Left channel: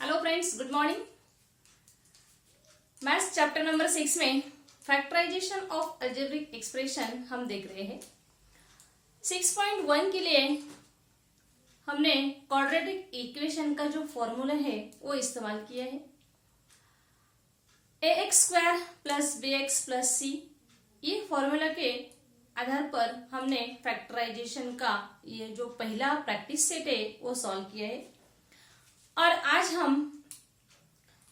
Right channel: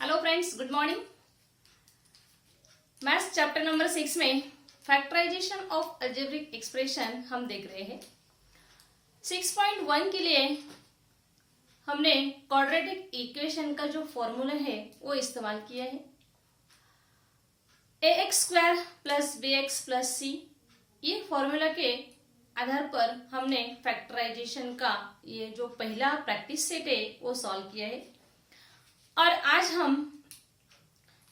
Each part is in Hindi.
Hello friends, good morning. Maths chapter number 6 में फैक्टराइजेशन ऑफ अलजेब्रिक एक्सप्रेशन हम देख रहे हैं। 6.1 के लिए हमने क्वाड्रेटिक इक्वेशन का जो फॉर्मूला है वो इस्तेमाल किया है। ax² plus bx plus c, ये फॉर्मूला के आधार पर हमने फैक्टराइजेशन का ये जो पहला प्रैक्टिस सेट है वो सॉल्व किया है। और आज हम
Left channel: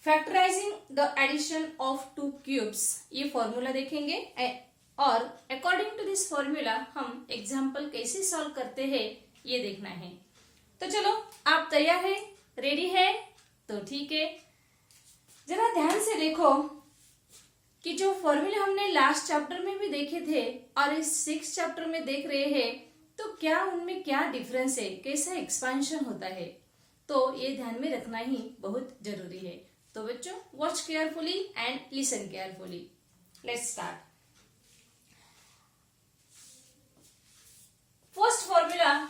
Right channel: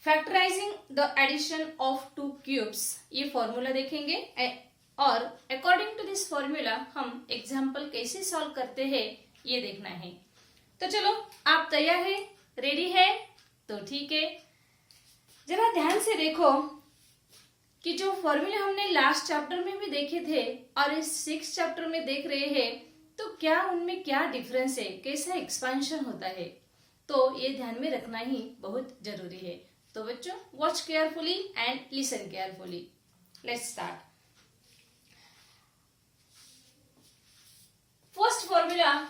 factorising the addition of two cubes ये फॉर्मूला देखेंगे और अकॉर्डिंग टू दिस फॉर्मूला हम एग्जाम्पल कैसे सॉल्व करते हैं ये देखना है। तो चलो, आप तैयार है, रेडी है? तो ठीक है, जरा ध्यान से देखो कि जो फॉर्मूला हमने लास्ट चैप्टर में भी देखे थे और इस 6 चैप्टर में देख रहे हैं, तो क्या उनमें क्या डिफरेंस है, कैसा एक्सपेंशन होता है, तो ये ध्यान में रखना ही बहुत जरूरी है। तो बच्चों, watch carefully and listen carefully. Let's start. First formula,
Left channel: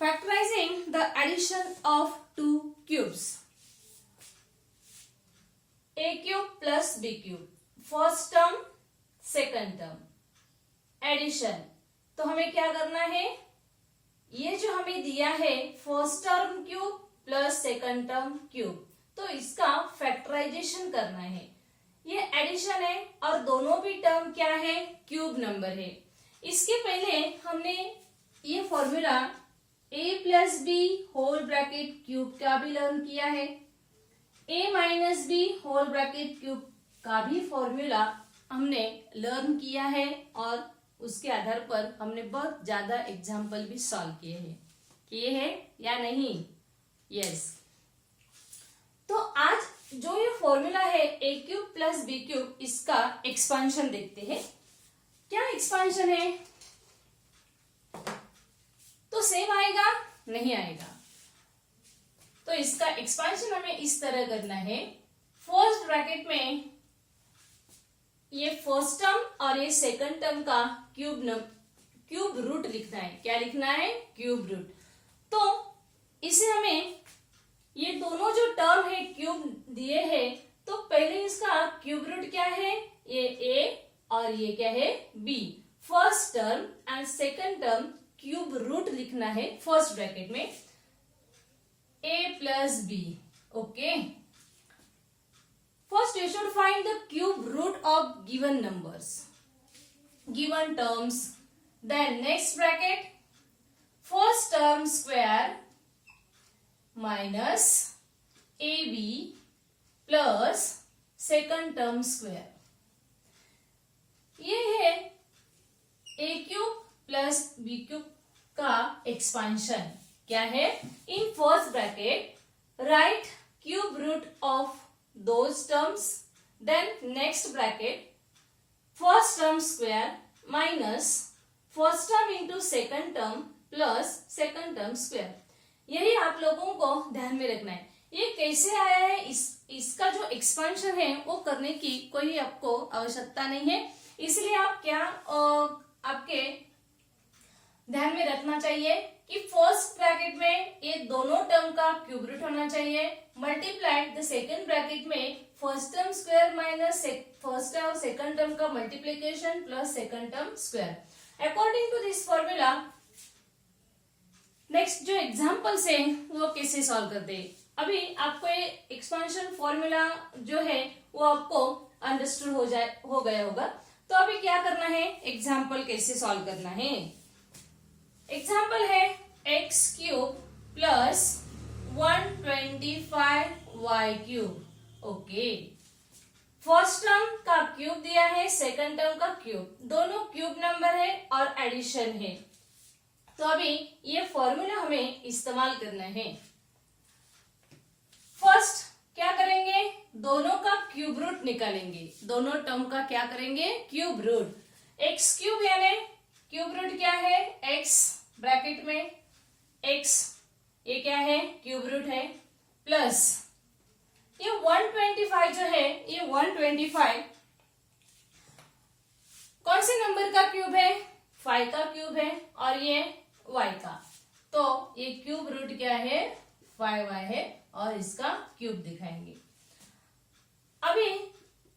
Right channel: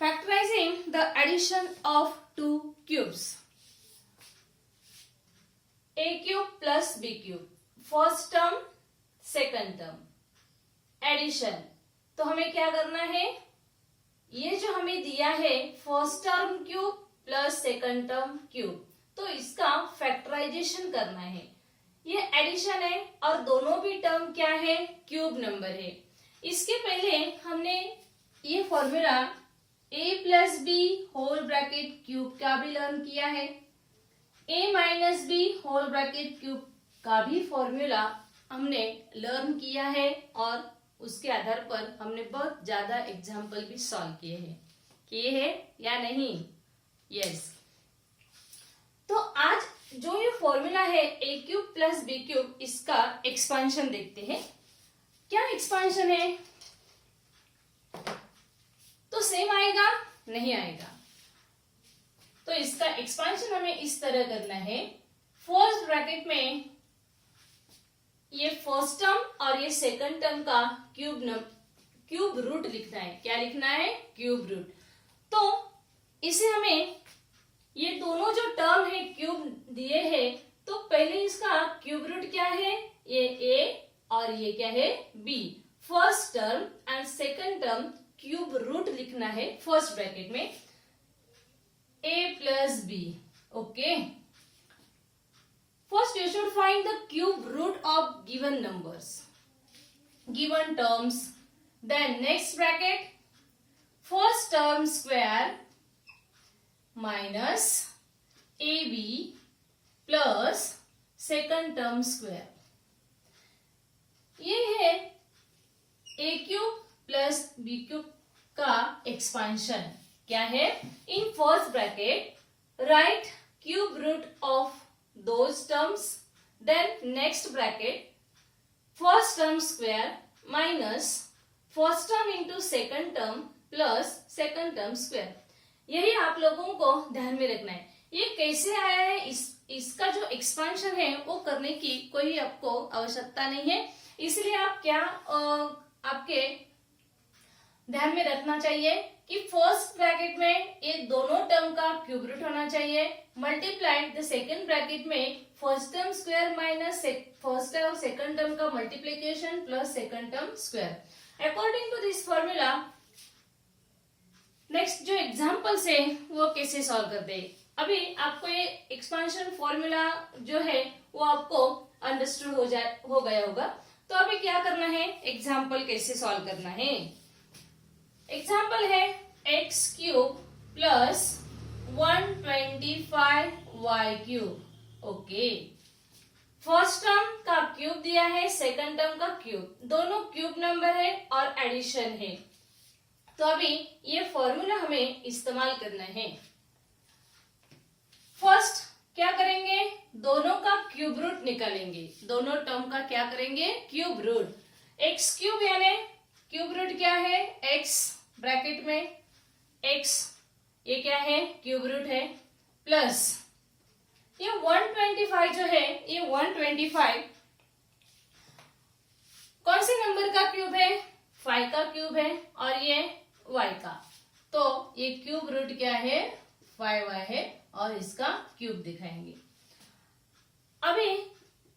factorizing the addition of two cubes, a cube plus b cube, first term second term addition. तो हमें क्या करना है, ये जो हमें दिया है first term cube plus second term cube, तो इसका फैक्टराइजेशन करना है। ये एडिशन है और दोनों भी टर्म क्या है, क्यूब नंबर है। इसके पहले हमने ये formula a plus b whole bracket cube का भी लर्न किया है, a minus b whole bracket cube का भी फॉर्मूला हमने लर्न किया है और उसके आधार पर हमने बहुत ज्यादा एग्जाम्पल भी सॉल्व किए हैं या नहीं? यस। तो आज जो ये फॉर्मूला है a cube plus b cube, इसका एक्सपेंशन देखते हैं। क्या एक्सपेंशन है? तो सेम आएगा? नहीं आएगा। तो इसका एक्सपेंशन हमें इस तरह करना है, फर्स्ट ब्रैकेट में ये फर्स्ट टर्म और ये सेकंड टर्म का क्यूब रूट लिखना है। क्या लिखना है? Cube root. तो इसे हमें ये दोनों जो टर्म है क्यूब दिए हैं, तो पहले इसका क्यूब रूट क्या है, ये a और ये क्या है, b। First term and second term cube root लिखना है फर्स्ट ब्रैकेट में, a plus b। Okay, first you should find the cube root of given numbers, given terms. Then next bracket, first term square minus ab plus second term square. ये है a cube plus b cube का एक्सपेंशन। क्या है? In first bracket write cube root of those terms, then next bracket first term square minus first term into second term plus second term square। यही आप लोगों को ध्यान में रखना है। ये कैसे आया है, इसका जो एक्सपेंशन है वो करने की कोई आपको आवश्यकता नहीं है। इसलिए आप क्या आपके ध्यान में रखना चाहिए कि फर्स्ट ब्रैकेट में ये दोनों टर्म का क्यूब रूट होना चाहिए, मल्टीप्लाइड द सेकंड ब्रैकेट में first term square minus first और सेकंड टर्म का multiplication plus second term square. According to this formula next जो एग्जांपल्स है वो कैसे सॉल्व करते हैं। अभी आपको ये एक्सपेंशन फॉर्मूला जो है वो आपको अंडरस्टूड हो गया होगा। तो अभी क्या करना है, एग्जाम्पल कैसे सॉल्व करना है। एग्जाम्पल है x cube plus 125y cube. Okay, first term का क्यूब दिया है, सेकंड टर्म का क्यूब, दोनों क्यूब नंबर है और एडिशन है। तो अभी ये फॉर्मूला हमें इस्तेमाल करना है। फर्स्ट क्या करेंगे, दोनों का क्यूब रूट निकालेंगे। दोनों टर्म का क्या करेंगे, क्यूब रूट। x क्यूब यानी क्यूब रूट क्या है, x ब्रैकेट में x, ये क्या है, क्यूब रूट है, प्लस ये 125 जो है, ये 125 कौन से नंबर का क्यूब है, 5 फाइव का क्यूब है और ये y का, तो ये क्यूब रूट क्या है 5y है और इसका क्यूब दिखाएंगे। अभी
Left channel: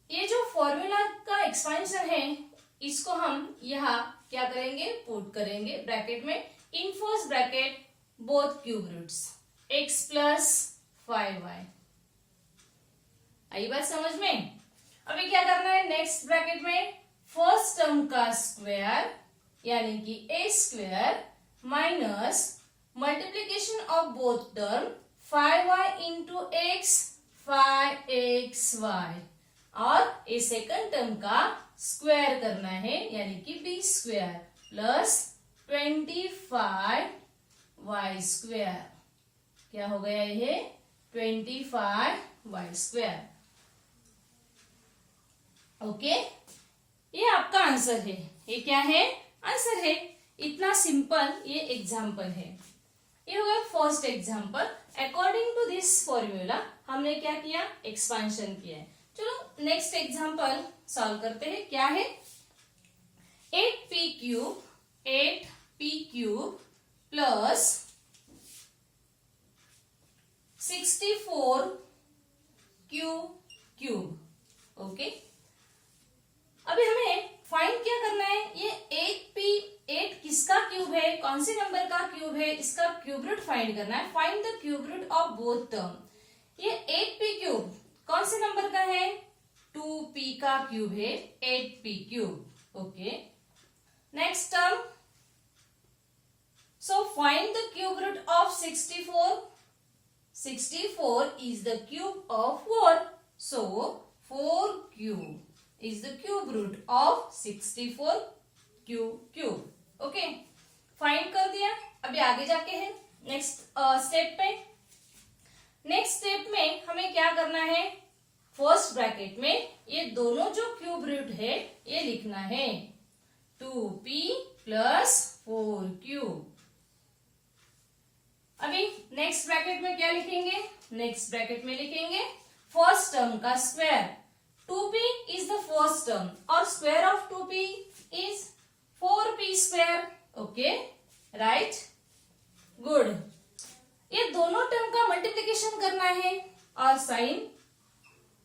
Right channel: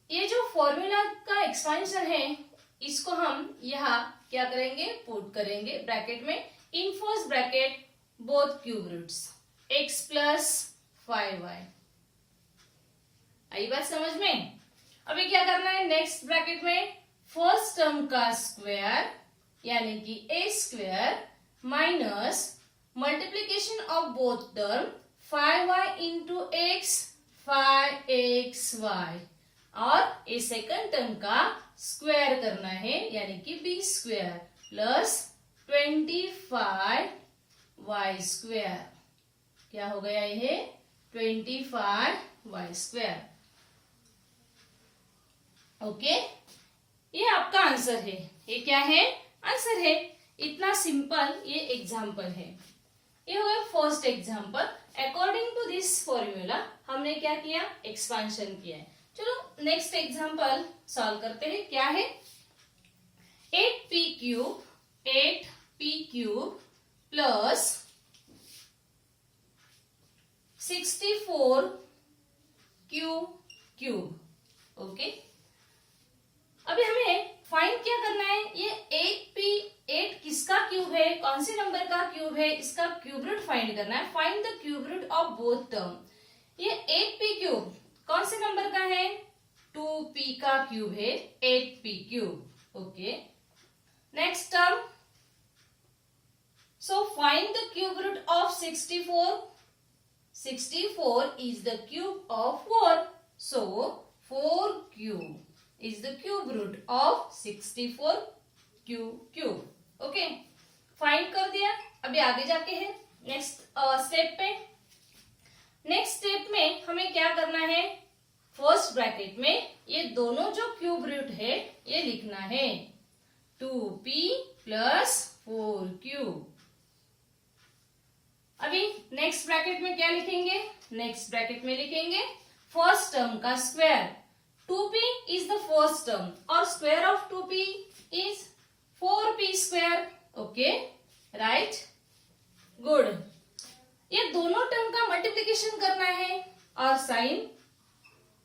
ये जो फॉर्मूला का एक्सपेंशन है इसको हम यहाँ क्या करेंगे, पुट करेंगे ब्रैकेट में, in first bracket both cube roots x plus 5y। आई बात समझ में? अभी क्या करना है, नेक्स्ट ब्रैकेट में फर्स्ट टर्म का स्क्वायर यानी कि a square minus multiplication of both term 5y into x 5xy और ए सेकंड टर्म का स्क्वायर करना है यानी कि b square plus 25y square. क्या हो गया ये 25y स्क्वायर। ओके, ये आपका आंसर है। ये क्या है, आंसर है। इतना सिंपल ये एग्जाम्पल है। ये हो गया first example. According to this formula हमने क्या किया, एक्सपांशन किया है। चलो नेक्स्ट एग्जाम्पल सॉल्व करते हैं। क्या है, 8p cube plus 64q cube. Okay, अभी हमें फाइंड क्या करना है, ये 8 किसका क्यूब है, कौन से नंबर का क्यूब है, इसका क्यूब रूट फाइंड करना है। Find the cube root of both term. ये 8p क्यूब कौन से नंबर का है, 2p का क्यूब है 8p cube. Okay, next term, so find the cube root of 64। 64 is the cube of 4, so 4 cube is the cube root of 64 cube. Okay, find कर दिया। अभी आगे जाके है नेक्स्ट स्टेप पे। नेक्स्ट स्टेप में हमें क्या करना है, फर्स्ट ब्रैकेट में ये दोनों जो क्यूब रूट है ये लिखना है, 2p प्लस 4q। अभी नेक्स्ट ब्रैकेट में क्या लिखेंगे, नेक्स्ट ब्रैकेट में लिखेंगे फर्स्ट टर्म का square. 2p is the first term और square of 2p is 4p square। Okay, right, good. ये दोनों टर्म का मल्टीप्लिकेशन करना है और साइन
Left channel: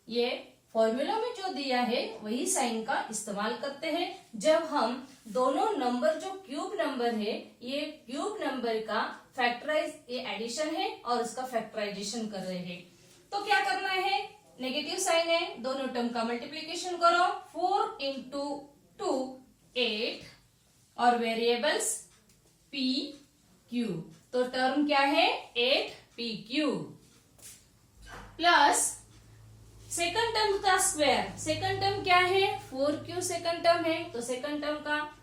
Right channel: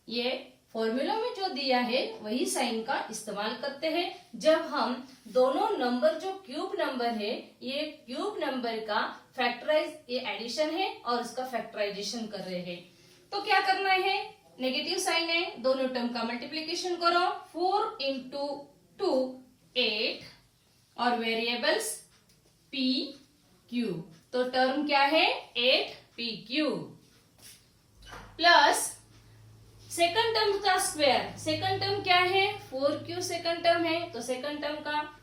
ये फॉर्मूला में जो दिया है वही साइन का इस्तेमाल करते हैं जब हम दोनों नंबर जो क्यूब नंबर है, ये क्यूब नंबर का फैक्टराइज, ये एडिशन है और उसका फैक्टराइजेशन कर रहे हैं। तो क्या करना है, नेगेटिव साइन है, दोनों टर्म का मल्टीप्लिकेशन करो। 4 इंटू 2 8 और वेरिएबल्स p क्यूब, तो टर्म क्या है 8p cube plus second term का स्क्वायर। सेकंड टर्म क्या है 4q सेकंड टर्म है, तो सेकंड टर्म का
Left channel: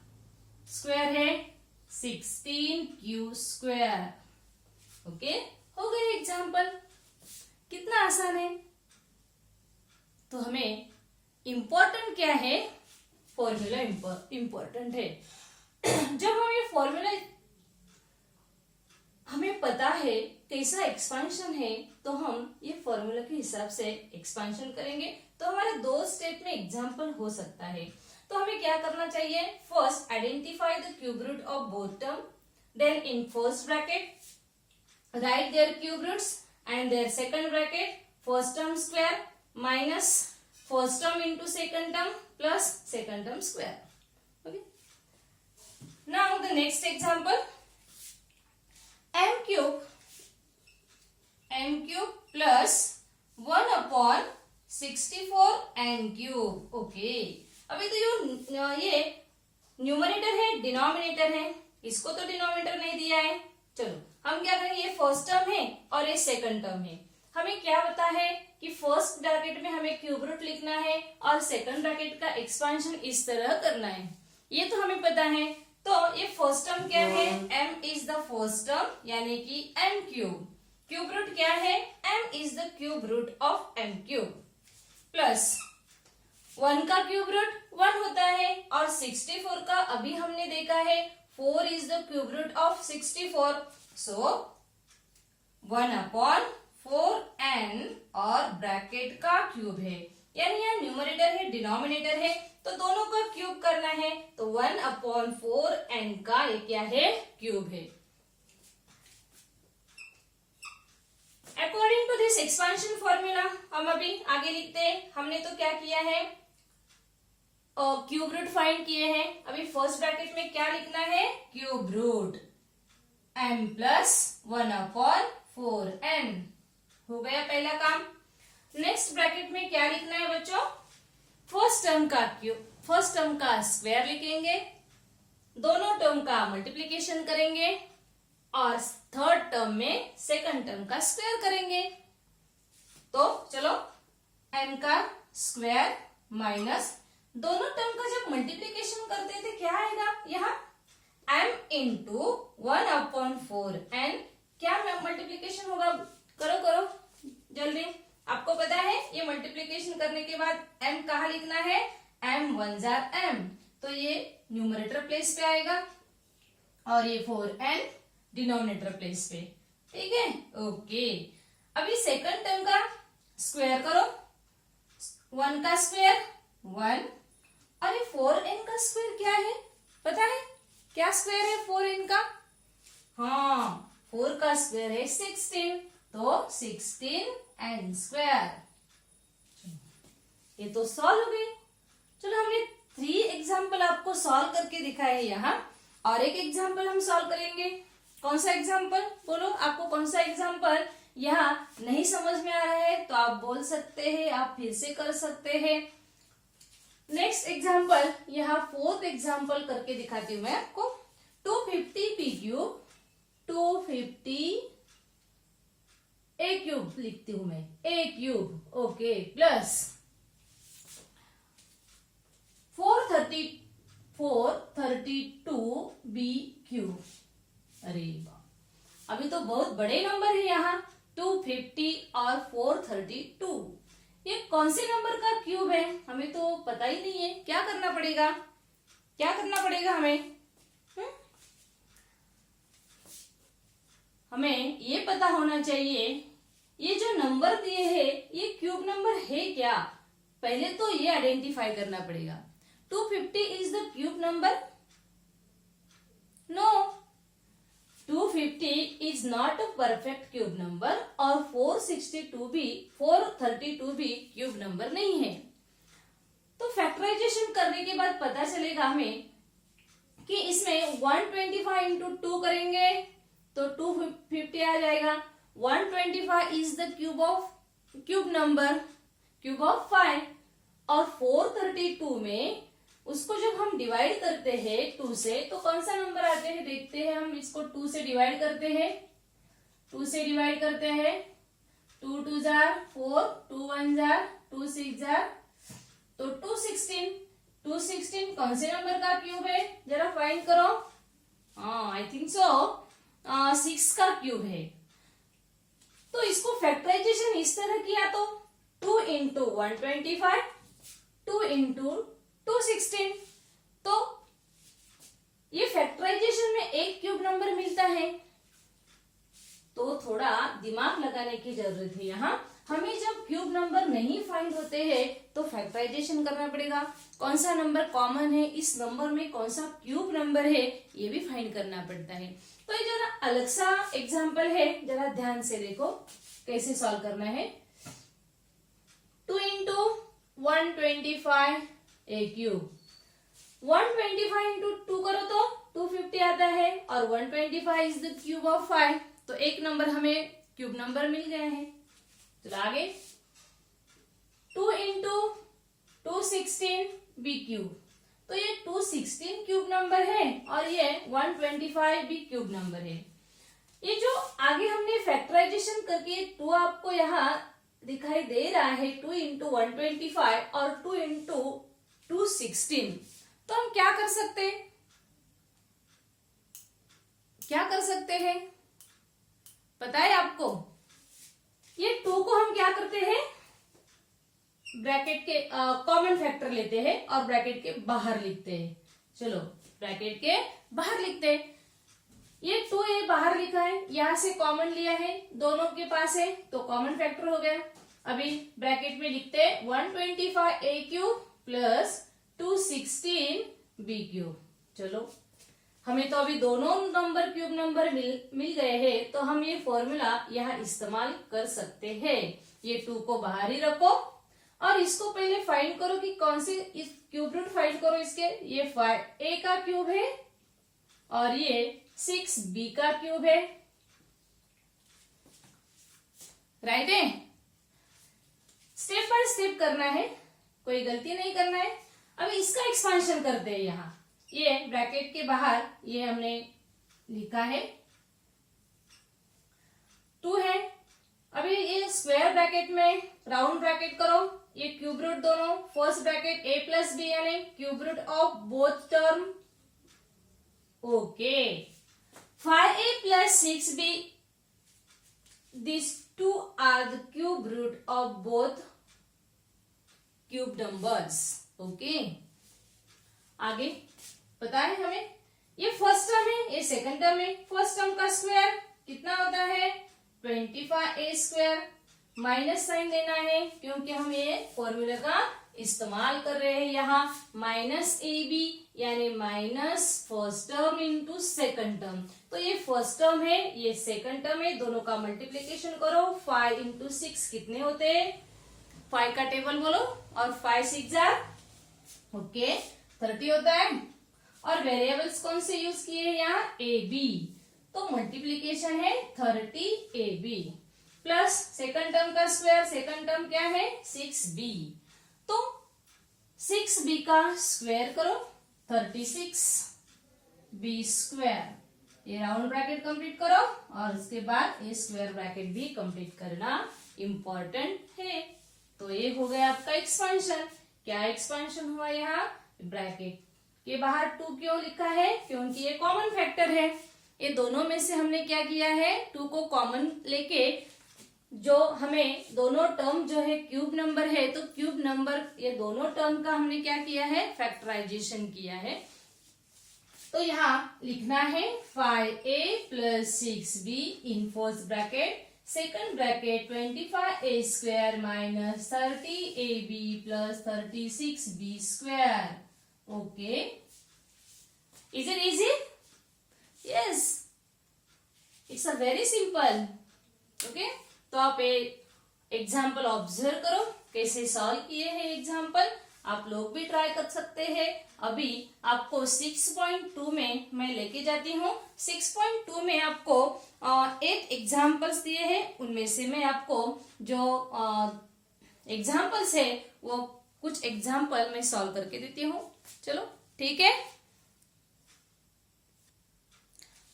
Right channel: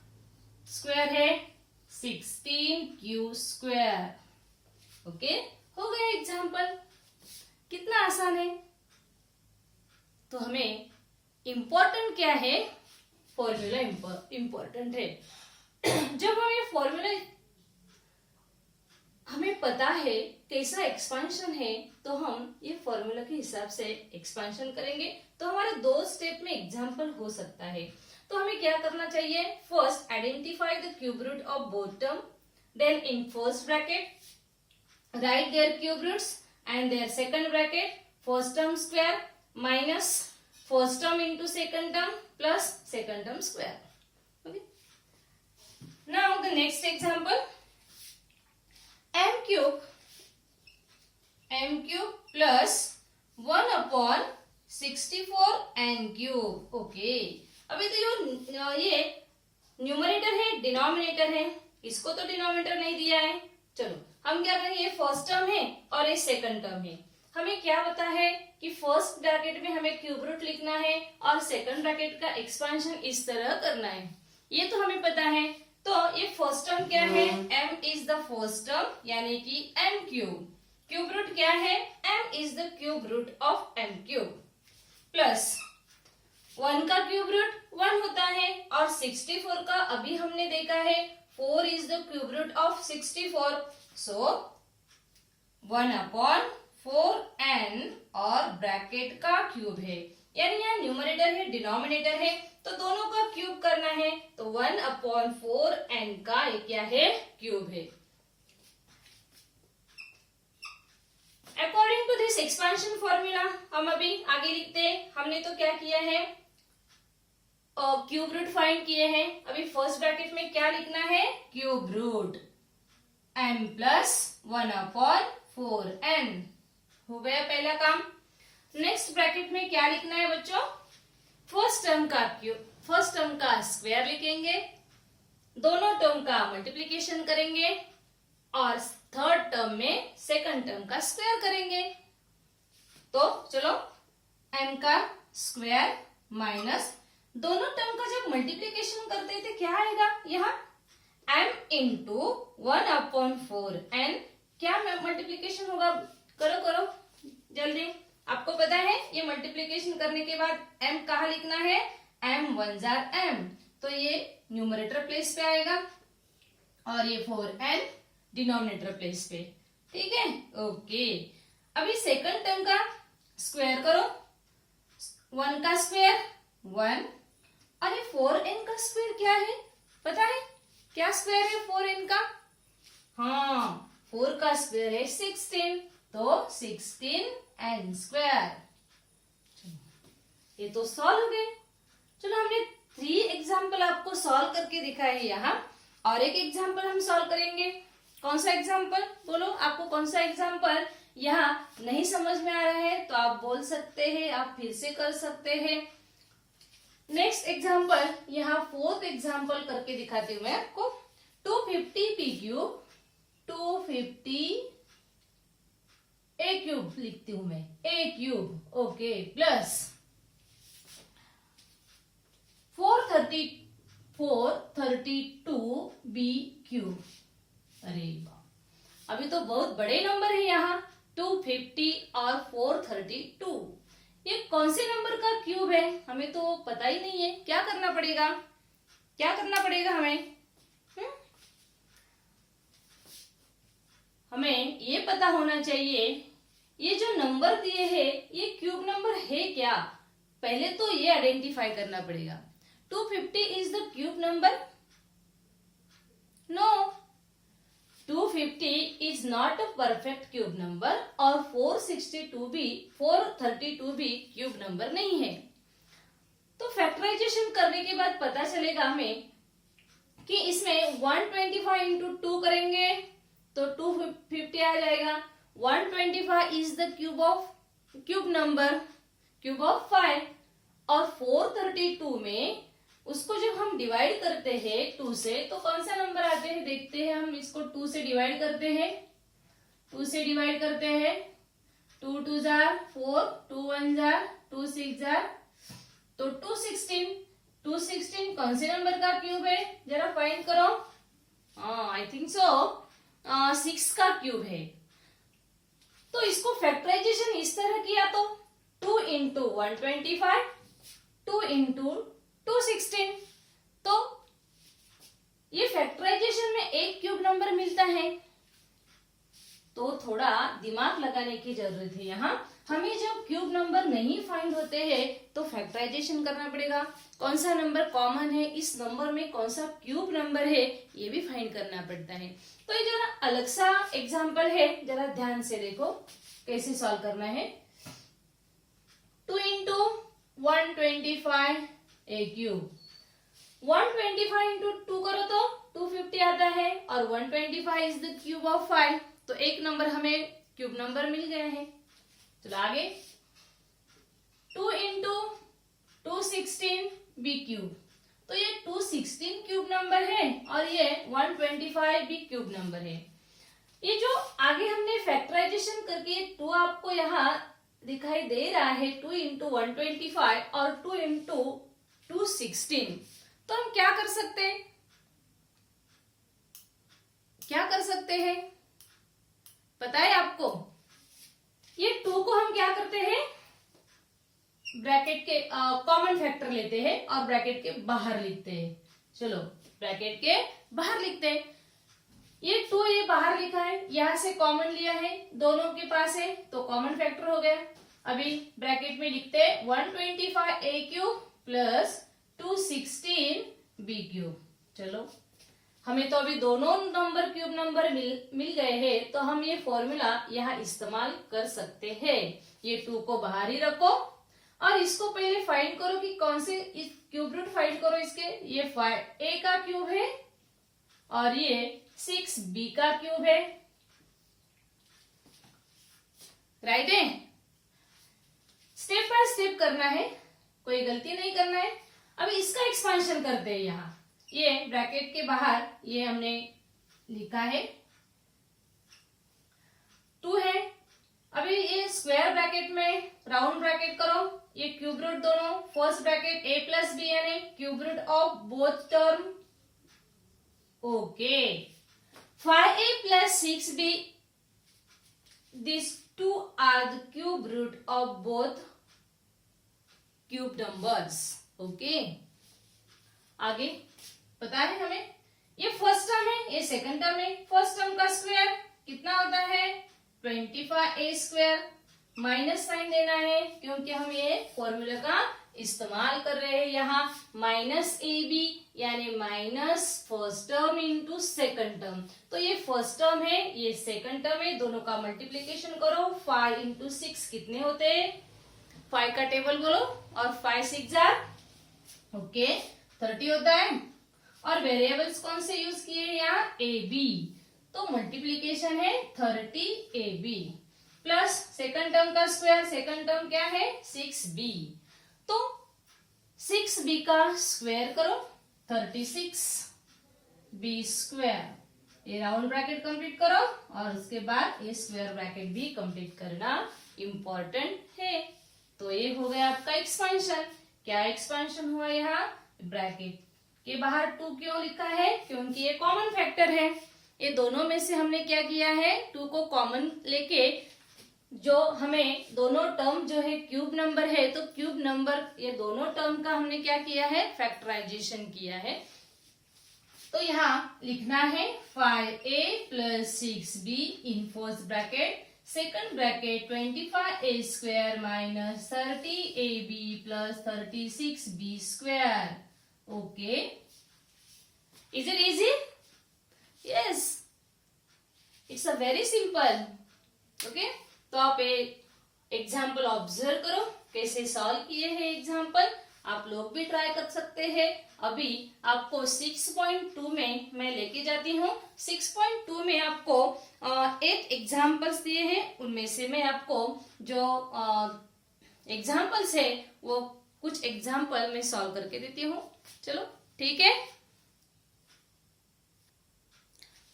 स्क्वायर है 16q स्क्वायर। ओके, हो गया एग्जाम्पल। कितना आसान है। तो हमें इंपॉर्टेंट क्या है, फॉर्मूला इंपॉर्टेंट है। जब हम ये फॉर्मूला हमें पता है कैसा एक्सपेंशन है, तो हम ये फॉर्मूला के हिसाब से एक्सपेंशन करेंगे तो हमारे 2 स्टेप में एग्जाम्पल हो सकता है। तो हमें क्या करना चाहिए, first identify the cube root of both term, then in first bracket write their cube roots and their second bracket first term square minus first term into second term plus second term square. Okay. Now the next example, m cube plus 1 upon 64 n cube. Okay. अभी तो ये न्यूमरेटर है, डिनोमिनेटर है, इसको तो डिनोमिनेटर नहीं दिया है। चलो हम क्या करेंगे, ये फर्स्ट टर्म है और ये सेकंड टर्म है। हमें क्या पता है कि फर्स्ट ब्रैकेट में हमें क्यूब रूट लिखना है और सेकंड ब्रैकेट का एक्सपेंशन इस तरह करना है, ये तो हमें पता है। तो ये फर्स्ट टर्म क्या है, m is the first term यानी कि m क्यूब। क्यूब रूट क्या है, m is the cube root of m cube plus 1 का क्यूब रूट 1 होता है और 64 का अभी हमने देखा है 4 is the cube root of 64, so 1 upon 4n और ब्रैकेट का क्यूब है यानी यहाँ न्यूमरेटर है, डिनोमिनेटर है, तो दोनों का क्यूब करना है, तो 1/4n का ये क्या है, क्यूब है। According to this expansion formula हम अभी आगे लिखते हैं। हमने तो क्या किया है, क्यूब रूट फाइंड किए हैं। अभी फर्स्ट ब्रैकेट में क्या लिखना है, cube root m plus 1/4n। हो गया पहला काम। नेक्स्ट ब्रैकेट में क्या लिखना है बच्चों, फर्स्ट टर्म का स्क्वायर लिखेंगे, दोनों टर्म का मल्टीप्लीकेशन करेंगे और थर्ड टर्म में सेकंड टर्म का स्क्वायर करेंगे। तो चलो m का स्क्वायर माइनस दोनों टर्म का जब मल्टीप्लीकेशन करते थे क्या आएगा, यहाँ m इंटू 1/4n, क्या मल्टीप्लीकेशन होगा, करो जल्दी। आपको पता है ये मल्टीप्लीकेशन करने के बाद m कहाँ लिखना है, m 1 m, तो ये न्यूमरेटर प्लेस पे आएगा और ये 4n डिनोमिनेटर प्लेस पे, ठीक है, ओके। अभी सेकंड टर्म का स्क्वायर करो, 1 का स्क्वायर 1, अरे 4n का स्क्वायर क्या है, पता है क्या स्क्वायर है 4n का, हाँ 4 का स्क्वायर है 16, तो 16n स्क्वायर। ये तो सॉल्व हो गए। चलो हमने 3 एग्जाम्पल आपको सॉल्व करके दिखाए हैं यहाँ, और एक एग्जाम्पल हम सॉल्व करेंगे। कौन सा एग्जाम्पल बोलो, आपको कौन सा एग्जाम्पल यहाँ नहीं समझ में आ रहा है तो आप बोल सकते हैं, आप फिर से कर सकते हैं। नेक्स्ट एग्जाम्पल, यहाँ फोर्थ एग्जाम्पल करके दिखाती हूँ मैं आपको। 250 p क्यूब, 250 a क्यूब लिखती हूं मैं, a cube, okay, plus 432 b cube. अरे वाह, अभी तो बहुत बड़े नंबर है यहाँ, 250 और 432, ये कौन से नंबर का क्यूब है हमें तो पता ही नहीं है। क्या करना पड़ेगा, क्या करना पड़ेगा हमें, हमें ये पता होना चाहिए ये जो नंबर दिए हैं ये क्यूब नंबर है क्या, पहले तो ये आइडेंटिफाई करना पड़ेगा। 250 is the cube number, no, 250 is not a perfect cube number, और 432 भी क्यूब नंबर नहीं है। तो फैक्टराइजेशन करने के बाद पता चलेगा हमें कि इसमें 125 इंटू 2 करेंगे तो 250 आ जाएगा। 125 is the cube number, cube of 5, और 432 में उसको जब हम डिवाइड करते हैं 2 से तो कौन सा नंबर आते हैं देखते हैं। हम इसको 2 से डिवाइड करते हैं, 2 से डिवाइड करते हैं, 2 2 जार 4, 2 1 जार 2 6 जार, तो 216, 216 कौन से नंबर का क्यूब है जरा फाइंड करो। आई थिंक सो 6 का क्यूब है। तो इसको फैक्टराइजेशन इस तरह किया तो 2 इंटू 125, 2 इंटू 216, तो ये फैक्टराइजेशन में एक क्यूब नंबर मिलता है। तो थोड़ा दिमाग लगाने की जरूरत है यहाँ। हमें जब क्यूब नंबर नहीं फाइंड होते हैं तो फैक्टराइजेशन करना पड़ेगा, कौन सा नंबर कॉमन है, इस नंबर में कौन सा क्यूब नंबर है ये भी फाइंड करना पड़ता है। तो ये जरा अलग सा एग्जांपल है, जरा ध्यान से देखो कैसे सॉल्व करना है। 2 इंटू 125 ए क्यूब, 125 इंटू 2 करो तो 250 आता है, और 125 इज द क्यूब ऑफ 5, तो एक नंबर हमें क्यूब नंबर मिल गए हैं। चलो आगे, 2 इंटू 216 बी क्यूब, तो ये 216 क्यूब नंबर है और ये 125 भी क्यूब नंबर है। ये जो आगे हमने फैक्टराइजेशन करके 2 आपको यहाँ दिखाई दे रहा है, 2 इंटू 125 और 2 इंटू 216, तो हम क्या कर सकते हैं, क्या कर सकते हैं पता है आपको। ये 2 को हम क्या करते हैं, ब्रैकेट के कॉमन फैक्टर लेते हैं और ब्रैकेट के बाहर लिखते हैं। चलो ब्रैकेट के बाहर लिखते हैं। ये 2 ये बाहर लिखा है, यहां से कॉमन लिया है, दोनों के पास है तो कॉमन फैक्टर हो गया। अभी ब्रैकेट में लिखते हैं 125 ए क्यूब प्लस 216 बी क्यूब। चलो हमें तो अभी दोनों नंबर क्यूब नंबर मिल गए हैं, तो हम ये फॉर्मूला यहाँ इस्तेमाल कर सकते हैं। ये 2 को बाहर ही रखो और इसको पहले फाइंड करो कि कौन से इस क्यूब रूट फाइंड करो इसके। ये 5a का क्यूब है और ये 6b का क्यूब है, राइट है। स्टेप बाय स्टेप करना है, कोई गलती नहीं करना है। अभी इसका एक्सपेंशन करते हैं। यहाँ ये ब्रैकेट के बाहर ये हमने लिखा है 2 है। अभी ये स्क्वायर ब्रैकेट में राउंड ब्रैकेट करो, ये क्यूब रूट दोनों, first bracket a plus b यानी cube root of both term, okay. 5a plus 6b, these two are the cube root of both cube numbers, okay. आगे पता है हमें, ये फर्स्ट टर्म है, ये सेकंड टर्म है। फर्स्ट टर्म का स्क्वायर कितना होता है 25a स्क्वायर, माइनस साइन देना है क्योंकि हम ये फॉर्मूला का इस्तेमाल कर रहे हैं। यहाँ माइनस ए बी यानी minus first term into second term. तो ये फर्स्ट टर्म है, ये सेकंड टर्म है, दोनों का मल्टीप्लीकेशन करो। 5 इंटू 6 कितने होते हैं, 5 का टेबल बोलो, और 5 6 जार ओके 30 होता है। और वेरिएबल्स कौन से यूज किए हैं यहाँ, ए बी, तो मल्टीप्लीकेशन है 30 a b plus second term का स्क्वायर, सेकंड टर्म क्या है 6b, तो 6b का स्क्वायर करो 36b स्क्वायर। ये राउंड ब्रैकेट कंप्लीट करो और उसके बाद ये स्क्वायर ब्रैकेट भी कंप्लीट करना इंपॉर्टेंट है। तो ये हो गया आपका एक्सपेंशन। क्या एक्सपेंशन हुआ, यहाँ ब्रैकेट के बाहर 2 क्यों लिखा है, क्योंकि ये कॉमन फैक्टर है। ये दोनों में से हमने क्या किया है, 2 को कॉमन लेके जो हमें दोनों टर्म जो है क्यूब नंबर है, तो क्यूब नंबर ये दोनों टर्म का हमने क्या किया है, फैक्टराइजेशन किया है। तो यहाँ लिखना है 5a plus 6b in first bracket, second bracket 25a square minus 30ab plus 36b square, okay. Is it easy? Yes, it's a very simple, okay. तो आप एग्जाम्पल ऑब्जर्व करो कैसे सॉल्व किए हैं एग्जाम्पल, आप लोग भी ट्राई कर सकते हैं। अभी आपको 6.2 में मैं लेके जाती हूँ। 6.2 में आपको 8 एग्जाम्पल्स दिए हैं, उनमें से मैं आपको जो एग्जाम्पल्स है वो कुछ एग्जाम्पल मैं सॉल्व करके देती हूँ। चलो ठीक है।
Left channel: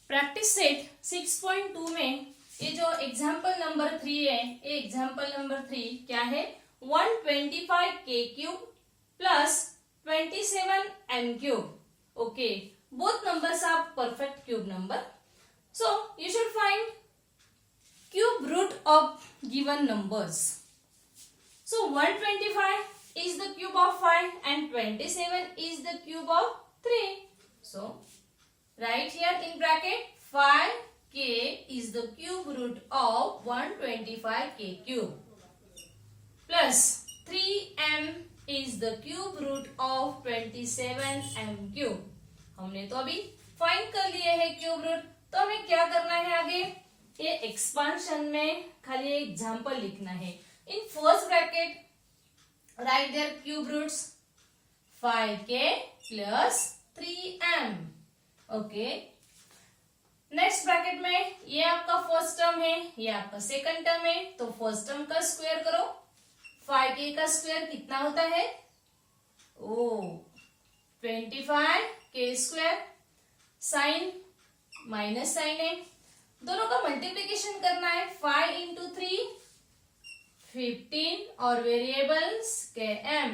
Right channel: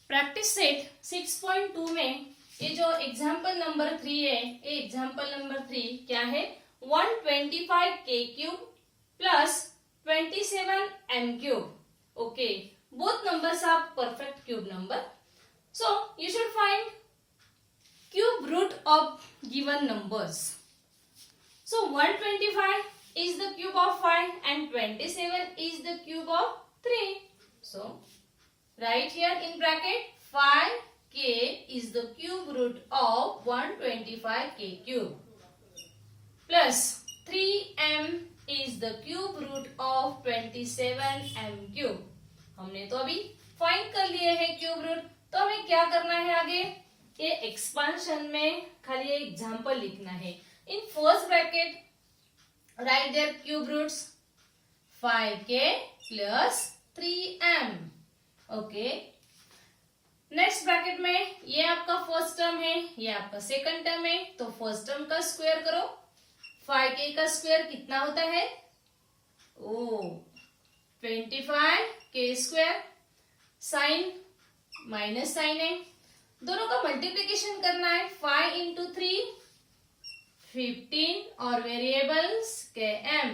प्रैक्टिस सेट 6.2 में ये जो एग्जाम्पल नंबर 3 है, ये एग्जाम्पल नंबर 3 क्या है, 125 के cube plus 27 m cube, okay. Both numbers are perfect cube number, so you should find cube root of given numbers. So 125 is the cube of 5 and 27 is the cube of 3. So write here in bracket 5k is the cube root of 125k cube plus 3m is the cube root of 27m cube. हमने तो अभी फाइंड कर लिए है क्यूब रूट, तो हमें क्या करना है आगे, ये एक्सपांशन में खाली एग्जाम्पल लिखना है। In first bracket write their cube roots 5k plus 3m, okay. Next bracket में ये आपका फर्स्ट टर्म है, ये आपका सेकंड टर्म है, तो फर्स्ट टर्म का स्क्वायर करो। 5k का स्क्वायर कितना होता है, oh 25k square, sign minus sign है, दोनों का मल्टीप्लीकेशन करना है। 5 इंटू 3 15 और वेरिएबल्स के m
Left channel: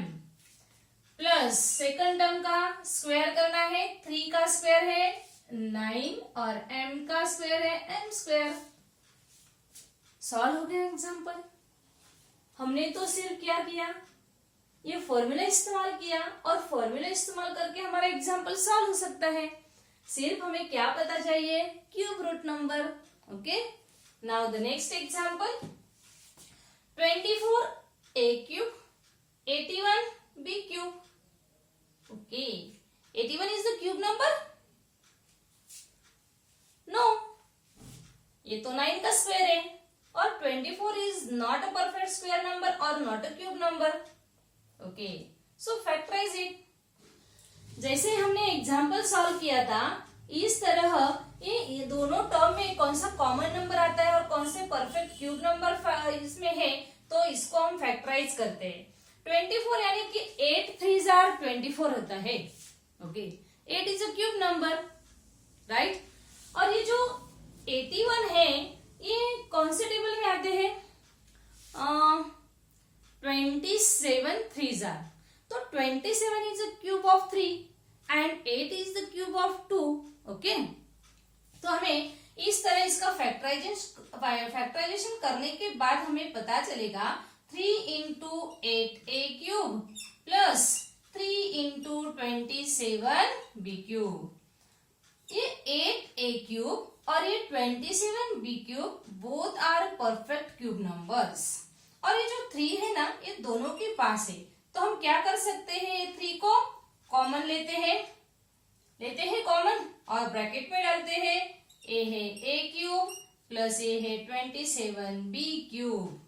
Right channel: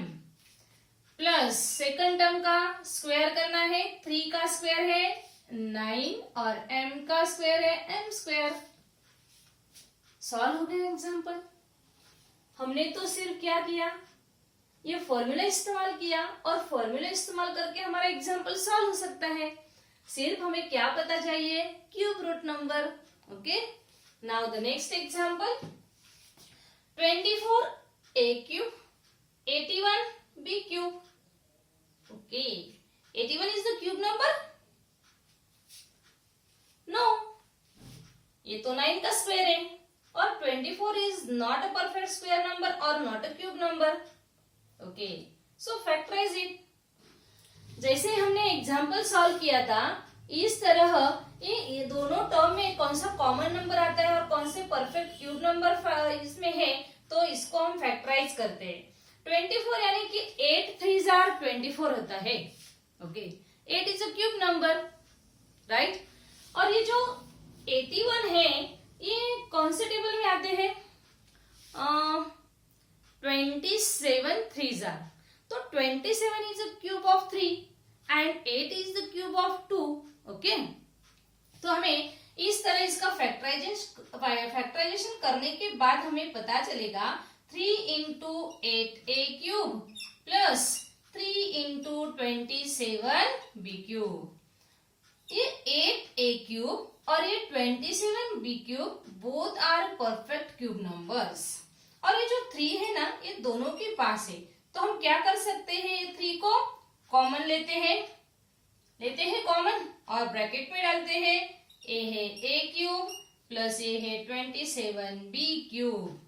प्लस सेकंड टर्म का स्क्वायर करना है। 3 का स्क्वायर है 9 और m का स्क्वायर है m स्क्वायर। सॉल्व हो गया एग्जाम्पल। हमने तो सिर्फ क्या किया, ये फॉर्मूला इस्तेमाल किया और फॉर्मूला इस्तेमाल करके हमारा एग्जाम्पल सॉल्व हो सकता है। सिर्फ हमें क्या पता चाहिए, cube root number, okay. Now the next example 24 a cube, 81 b cube. Okay, 81 is the cube number? No, ये तो 9 का स्क्वायर है और 24 is not a perfect square number or not a cube number. Okay, so factorize it. जैसे हमने एग्जाम्पल सॉल्व किया था इस तरह ये दोनों टर्म में कौन सा कॉमन नंबर आता है और कौन से परफेक्ट क्यूब नंबर इसमें है, तो इसको हम फैक्टराइज करते हैं. 24 यानी कि 8 3s are 24 होता है. Okay, 8 is a cube number, right. और ये जो 81 है ये कौन से टेबल में आते हैं? 27 3s are. तो 27 is a cube of 3 and 8 is the cube of 2. Okay, तो हमें इस तरह इसका फैक्टराइजेशन करने के बाद हमें पता चलेगा 3 into 8a cube plus 3 into 27 b cube. ये 8a cube और ये 27b cube both are perfect cube numbers. और ये जो 3 है ना ये दोनों के पास है, तो हम क्या कर सकते हैं, ये 3 को कॉमन लेते हैं कॉमन और ब्रैकेट में डालते हैं. ए है ए क्यूब प्लस ए है 27b क्यूब.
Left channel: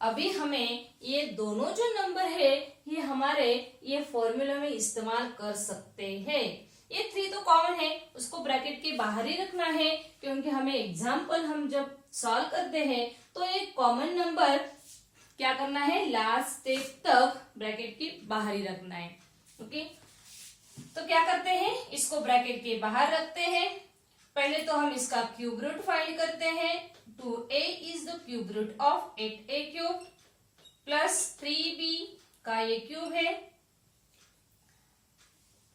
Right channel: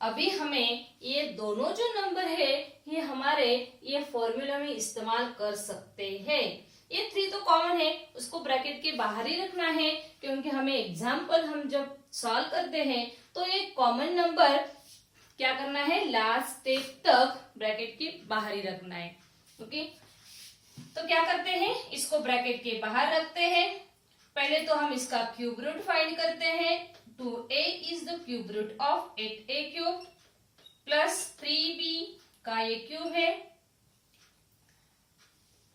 अभी हमें ये दोनों जो नंबर है ये हमारे ये फॉर्मूला में इस्तेमाल कर सकते हैं. ये 3 तो कॉमन है, उसको ब्रैकेट के बाहर ही रखना है क्योंकि हमें एग्जाम्पल हम जब सॉल्व करते हैं तो ये कॉमन नंबर क्या करना है, लास्ट स्टेप तक ब्रैकेट के बाहर ही रखना है. ओके, तो क्या करते हैं, इसको ब्रैकेट के बाहर रखते हैं. पहले तो हम इसका क्यूब रूट फाइंड करते हैं. 2a is the cube root of 8a cube plus 3b का ये क्यूब है.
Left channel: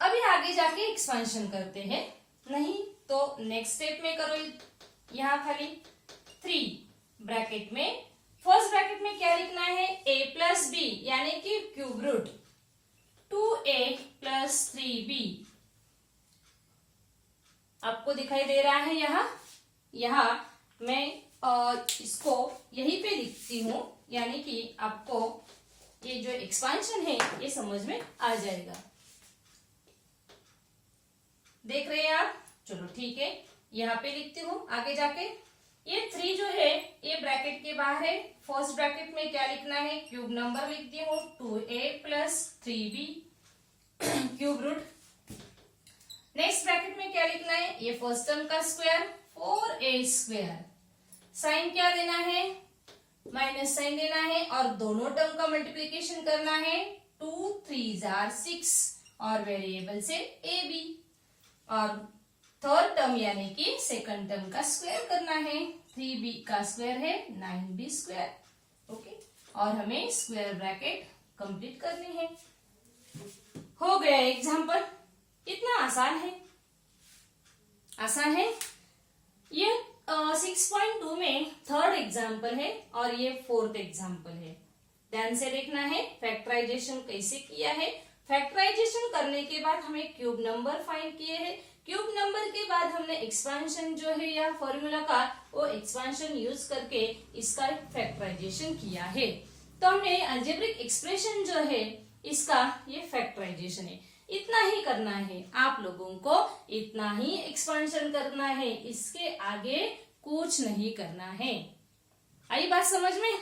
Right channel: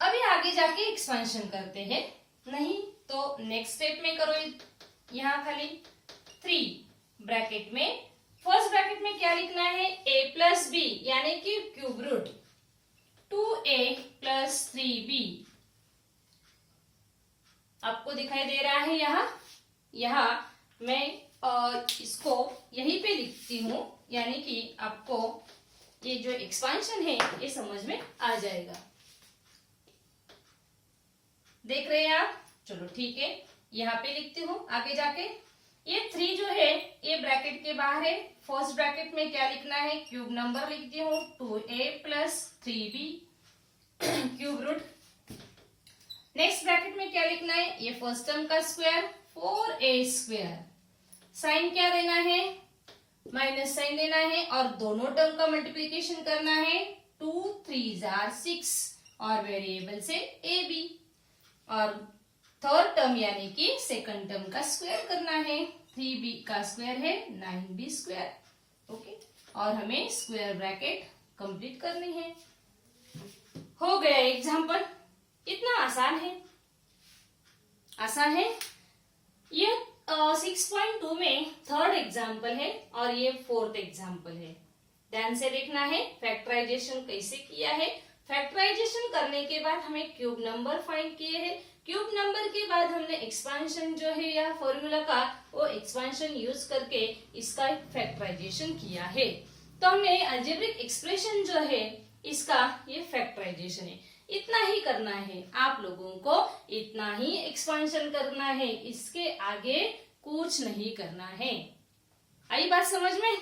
अभी आगे जाके एक्सपेंशन करते हैं, नहीं तो नेक्स्ट स्टेप में करो. यहाँ खाली 3 ब्रैकेट में, फर्स्ट ब्रैकेट में क्या लिखना है, a प्लस बी यानी कि cube root 2a plus 3b. आपको दिखाई दे रहा है यहाँ मैं इसको यहीं पे लिखती हूँ, यानी कि आपको ये जो एक्सपेंशन है ये समझ में आ जाएगा. देख रहे हैं आप? चलो ठीक है, यहाँ पे लिखती हूँ. आगे जाके ये 3 जो है ये ब्रैकेट के बाहर है. फर्स्ट ब्रैकेट में क्या लिखना है, क्यूब नंबर लिखती हूँ 2a plus 3b cube root. Next bracket में क्या लिखना है, ये फर्स्ट टर्म का स्क्वायर 4a स्क्वायर. साइन क्या देना है, माइनस साइन देना है और दोनों टर्म का मल्टीप्लीकेशन करना है. 2 3s are 6 और वेरिएबल से ab और थर्ड टर्म यानी कि सेकंड टर्म का स्क्वायर करना है. 3b का स्क्वायर है 9b स्क्वायर. ओके, और हमें स्क्वायर ब्रैकेट कंप्लीट करनी है. हो गया एग्जाम्पल. इतना आसान है. ये 6.2 में थर्ड एग्जाम्पल है और ये फोर्थ एग्जाम्पल है. ध्यान से देखना है फैक्टराइजेशन कैसे किया है. फैक्टराइजेशन करने के बाद हमें क्यूब नंबर फाइंड किए हैं. क्यूब नंबर के बाद हमने एक्सपेंशन जो है या फॉर्मूला का वो एक्सपेंशन यूज करके इसका फैक्टराइजेशन किया है. तो हमने अलजेब्रिक एक्सप्रेशन जो है इसका ये फैक्टराइजेशन है. इतना ही करना है आप लोगों को, इतना ही एक्सपेंशन करना है, इसके आगे कुछ नहीं करना है. आई बात समझ में?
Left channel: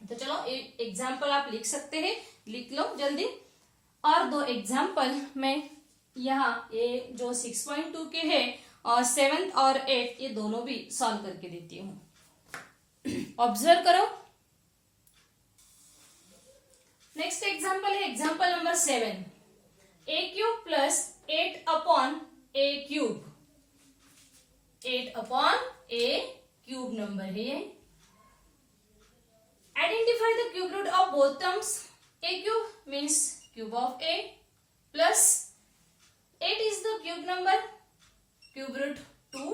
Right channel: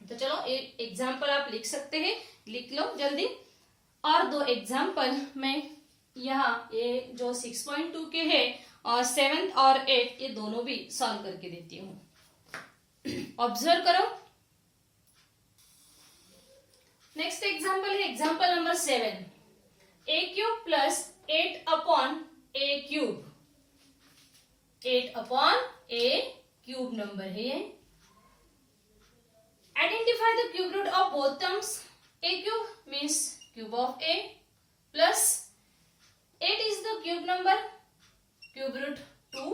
तो चलो एक एग्जाम्पल आप लिख सकते हैं, लिख लो जल्दी. और 2 एग्जाम्पल मैं यहाँ ये जो 6.2 के है और 7th और 8th ये दोनों भी सॉल्व करके देती हूँ. ऑब्जर्व करो. नेक्स्ट एग्जाम्पल है example number 7. a cube plus 8 upon a cube. 8 upon a cube number है. Identify the cube root of both terms. a cube means cube of a plus 8 is the cube number, cube root 2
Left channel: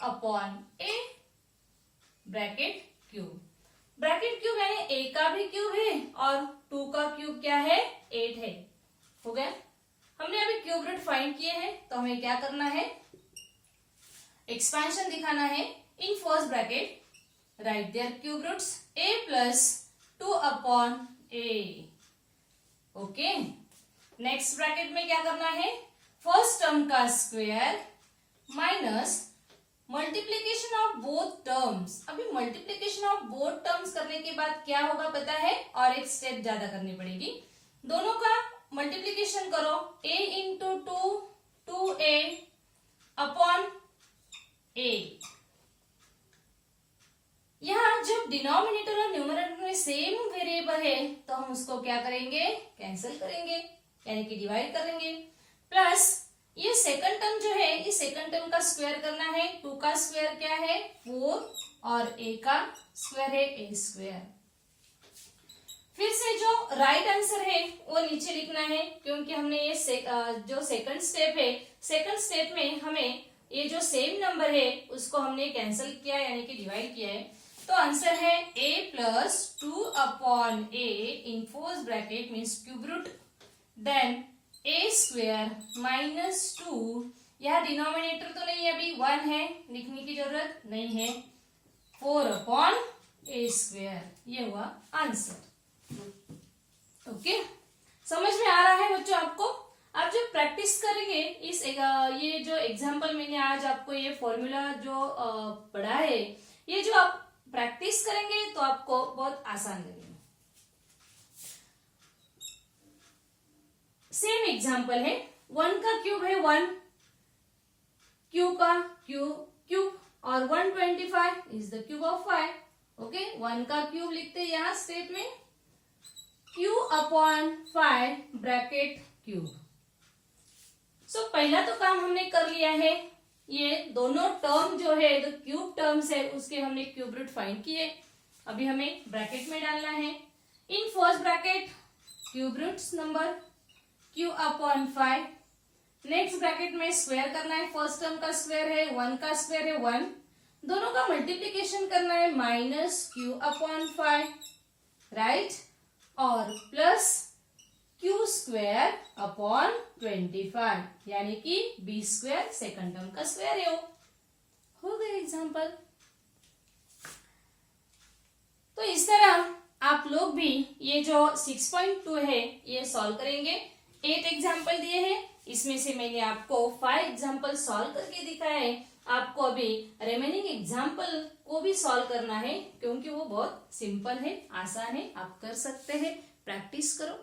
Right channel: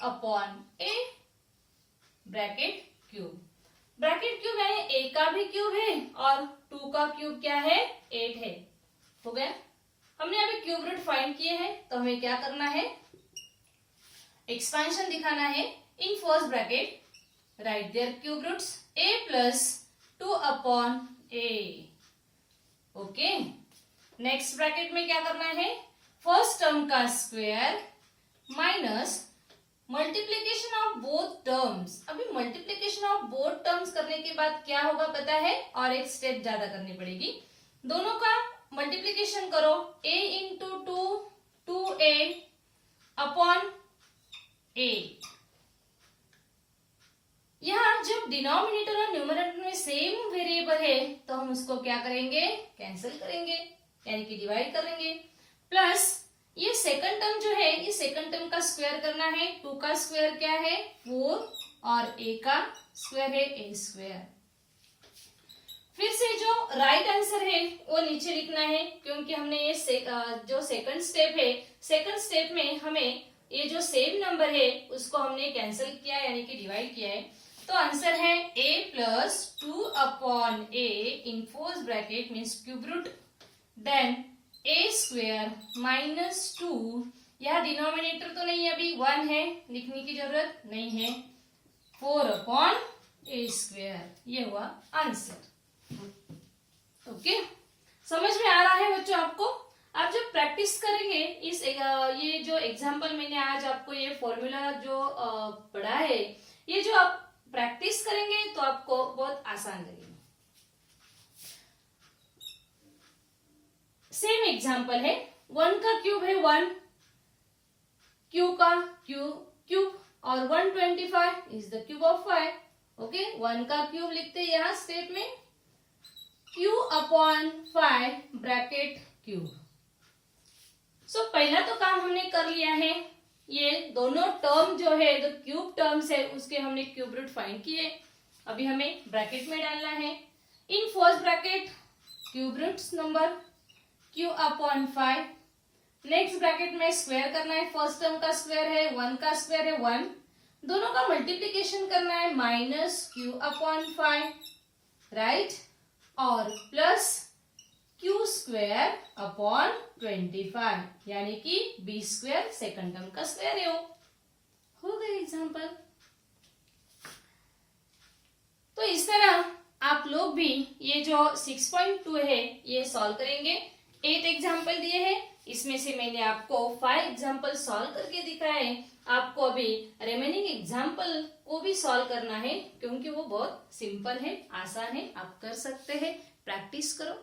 upon a bracket cube. Bracket cube यानी a का भी क्यूब है और 2 का क्यूब क्या है, 8 है. हो गया. हमने अभी क्यूब रूट फाइंड किए हैं तो हमें क्या करना है, एक्सपेंशन दिखाना है. In first bracket write their cube roots a plus 2/a। Okay, next bracket में क्या करना है, फर्स्ट टर्म का square minus multiplication of both terms. अभी मल्टीप्लीकेशन ऑफ बोथ टर्म्स करने के बाद क्या होगा पता है, और एक स्टेप ज्यादा करनी पड़ेगी। दोनों का मल्टीप्लीकेशन करो, a into 2a upon a। यहाँ जब डिनोमिनेटर और न्यूमरेटर में सेम वेरिएबल है तो हम उसको क्या करेंगे, कैंसिल करेंगे, यानी कि डिवाइड करेंगे। प्लस ये सेकंड टर्म जो है, ये सेकंड टर्म का स्क्वायर करना है। 2 का स्क्वायर क्या है, 4, और a का स्क्वायर है a स्क्वायर। फिर से जो राइट आंसर है वो नीचे लिखना है, क्योंकि हमने ये जो सेकंड स्टेप है, सेकंड स्टेप में हमें ये जो सेम नंबर है उसको हमने कैंसिल किया यानी कि डिवाइड किया है। तो आंसर है a plus 2/a in first bracket means cube root, then a square minus 2, यह डिनोमिनेटर तो नहीं है, अभी 1 है, लिखने की जरूरत नहीं है, 4/a स्क्वायर। ये हुआ आंसर। ओके, समझ में आ रहा है बच्चों आपको? आप जब प्रैक्टिस करेंगे इस ये जो एग्जाम्पल मैंने आज आपको ये फॉर्मूला जो पढ़ा है, ये जो आप प्रैक्टिस करेंगे तो आपको बहुत आसान लगेगा। सेम एग्जाम्पल है, 1 का क्यूब है 1, q का क्यूब, और 125 is the cube of 5। Okay, 1 का क्यूब लिखते हैं यहाँ स्टेप में, q/5 ब्रैकेट क्यूब। सो पहला तो काम हमने कर लिया है, ये दोनों टर्म जो है जो क्यूब टर्म्स है उसके हमने क्यूब रूट फाइंड किए। अभी हमें ब्रैकेट में डालना है, in first bracket cube roots number q/5, next bracket में स्क्वायर करना है, फर्स्ट टर्म का स्क्वायर है 1 का स्क्वायर है 1, दोनों का मल्टीप्लीकेशन करना है माइनस q/5, राइट, और प्लस q स्क्वायर अपॉन 25 यानी कि b स्क्वायर सेकंड टर्म का स्क्वायर है। हो गया एग्जाम्पल। तो इस तरह आप लोग भी ये जो 6.2 है ये सॉल्व करेंगे। 8 एग्जाम्पल दिए हैं, इसमें से मैंने आपको 5 एग्जाम्पल सॉल्व करके दिखाया है। आपको अभी रिमेनिंग एग्जाम्पल को भी सॉल्व करना है, क्योंकि वो बहुत सिंपल है, आसान है, आप कर सकते हैं, प्रैक्टिस करो।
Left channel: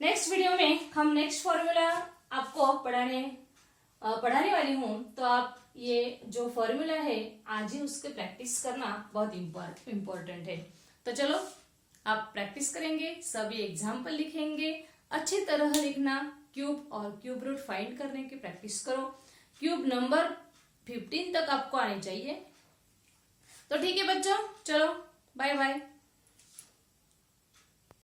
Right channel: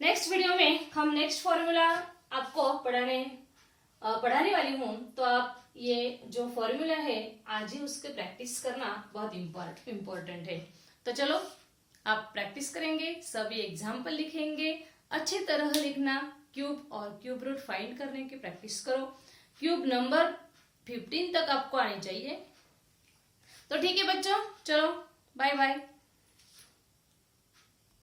नेक्स्ट वीडियो में हम नेक्स्ट फॉर्मूला आपको पढ़ाने वाली हूँ, तो आप ये जो फॉर्मूला है आज ही उसके प्रैक्टिस करना बहुत इम्पोर्टेंट है। तो चलो आप प्रैक्टिस करेंगे, सभी एग्जाम्पल लिखेंगे, अच्छी तरह लिखना, क्यूब और क्यूब रूट फाइंड करने की प्रैक्टिस करो। क्यूब नंबर 15 तक आपको आनी चाहिए। तो ठीक है बच्चों, चलो बाय बाय।